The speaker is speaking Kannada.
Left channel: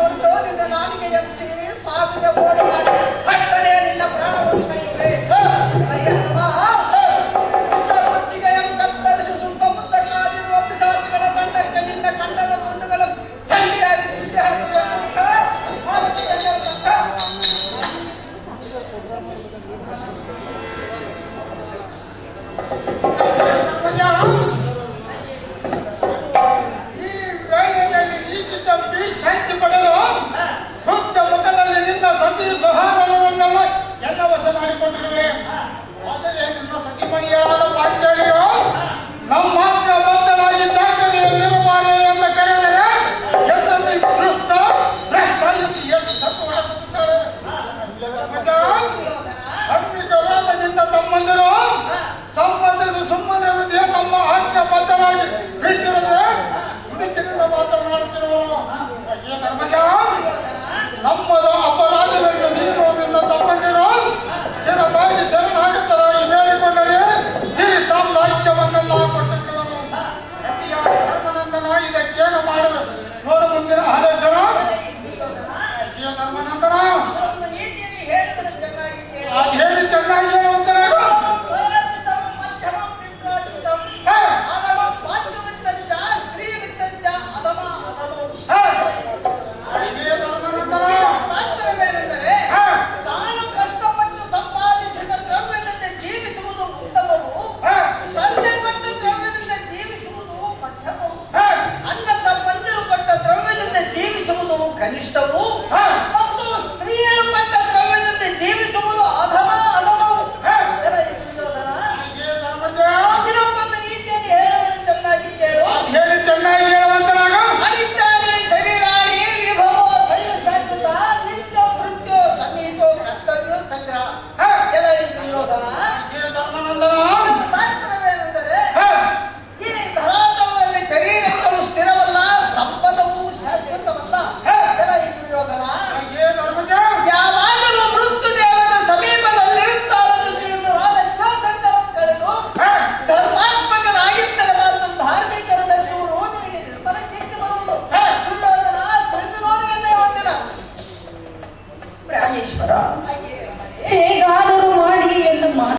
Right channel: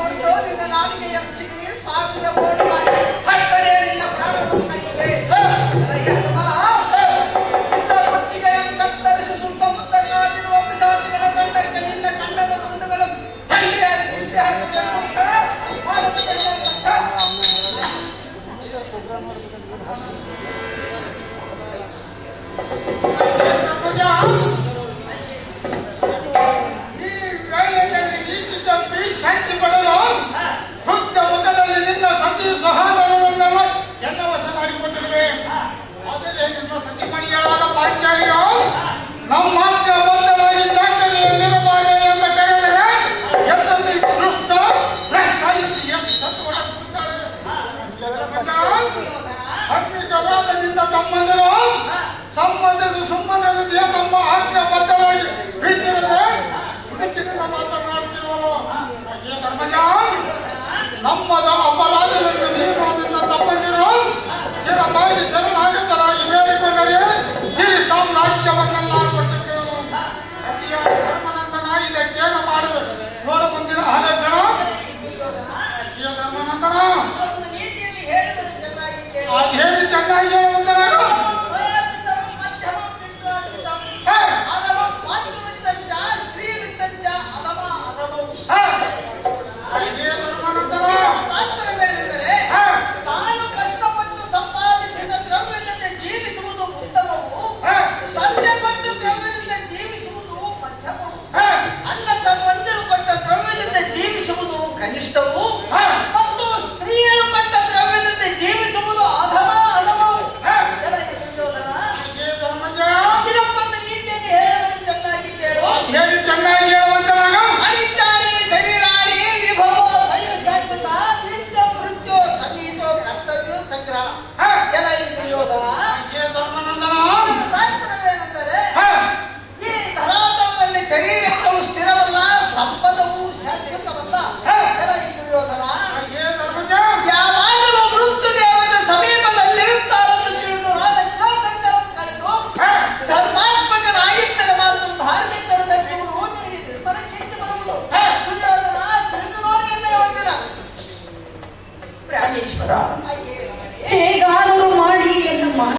ಕೊಟ್ಟು ನಿನ್ನ ನಾಲಿಗೆ ಎಬ್ಬಿಸಿ ಸಾವಿರ ಓಡಿ ಮಾಡಿ ಕಟ್ಟಡೆ ನಿನ್ನ ಪ್ರಾಣವನ್ನು ಕತ್ತರಿಸಿ ಸುತ್ತಮುತ್ತ ಕಾದಿರುವ ಪಿಶಾಚಿಗಳ ತಂಡಕ್ಕೆ ನಿನ್ನ ಕಂಡದ ತುಂಡುಗಳ ತಂಡೆಯಾಗಿ ನಿಂತೆ ಶಾಂತಿ ಪಡೆದು ಹುದ್ದ ಮುಖದಲ್ಲಿ ನಿನ್ನ ಸತಿ ಸಹಾರವನ್ನೆಲ್ಲ ಎಲ್ಲ ವಶನಾಗಿಕೊಂಡಿರುವೆ. ಆದರೆ ನಿನ್ನ ಸತಿಮಣಿಯಾದ ಪಾಂಚಾಲಿಯು ನಮ್ಮ ಮಾತ್ರ ಬದ್ಧರಾಗಿ ಚಾಕರಿಯಲ್ಲಿರಬಾರೆ ಅಂತ ಕರೆದರೆ ಎಲ್ಲಲ್ಲಿ ದೃಷ್ಟ ಎಷ್ಟು ತತ್ವಗಳಾಗುತ್ತಾರೆ. ಹಮ್ಮಿಕರಾದ ನಿನ್ನ ತಮ್ಮಂದಿರು ಸಂಬಂಧದ ಸುಮ್ಮನೆ ಹೃದಯ ತಮ್ಮ ಆಜ್ಞೆ ಬದ್ಧರಾಗಿ ಬಿಟ್ಟಿರುತ್ತದೆ. ಹುಡುಕಿನಿಂದ ಮಾತನಾಡುತ್ತಿರುವನು ಧರ್ಮಜ, ನಮ್ಮದ ಅಪರಾಧವೆಂದು ನೀನು ನಿನ್ನ ತಮ್ಮಂದಿರು ಶಿರಬಾಗಿ ಶರಣಾಗತರಾಗಿ ಬೇಡಿಕೊಂಡರೆ ಸಿರಿ ಸಾಮ್ರಾಜ್ಯವನ್ನೆಲ್ಲ ಕೊಟ್ಟಿದ್ದೆವು. ಧರ್ಮನಂದನ ಇದಕ್ಕೇನು ಮಾಡುವೆ ನೋಡ ಮುಂದಿನ ಆಲೋಚನ. ಧರ್ಮನಂದನ ಅದೇನು ಚೆನ್ನಾಗಿ ಹೇಳುವಂತ ಕನಿಷ್ಠವು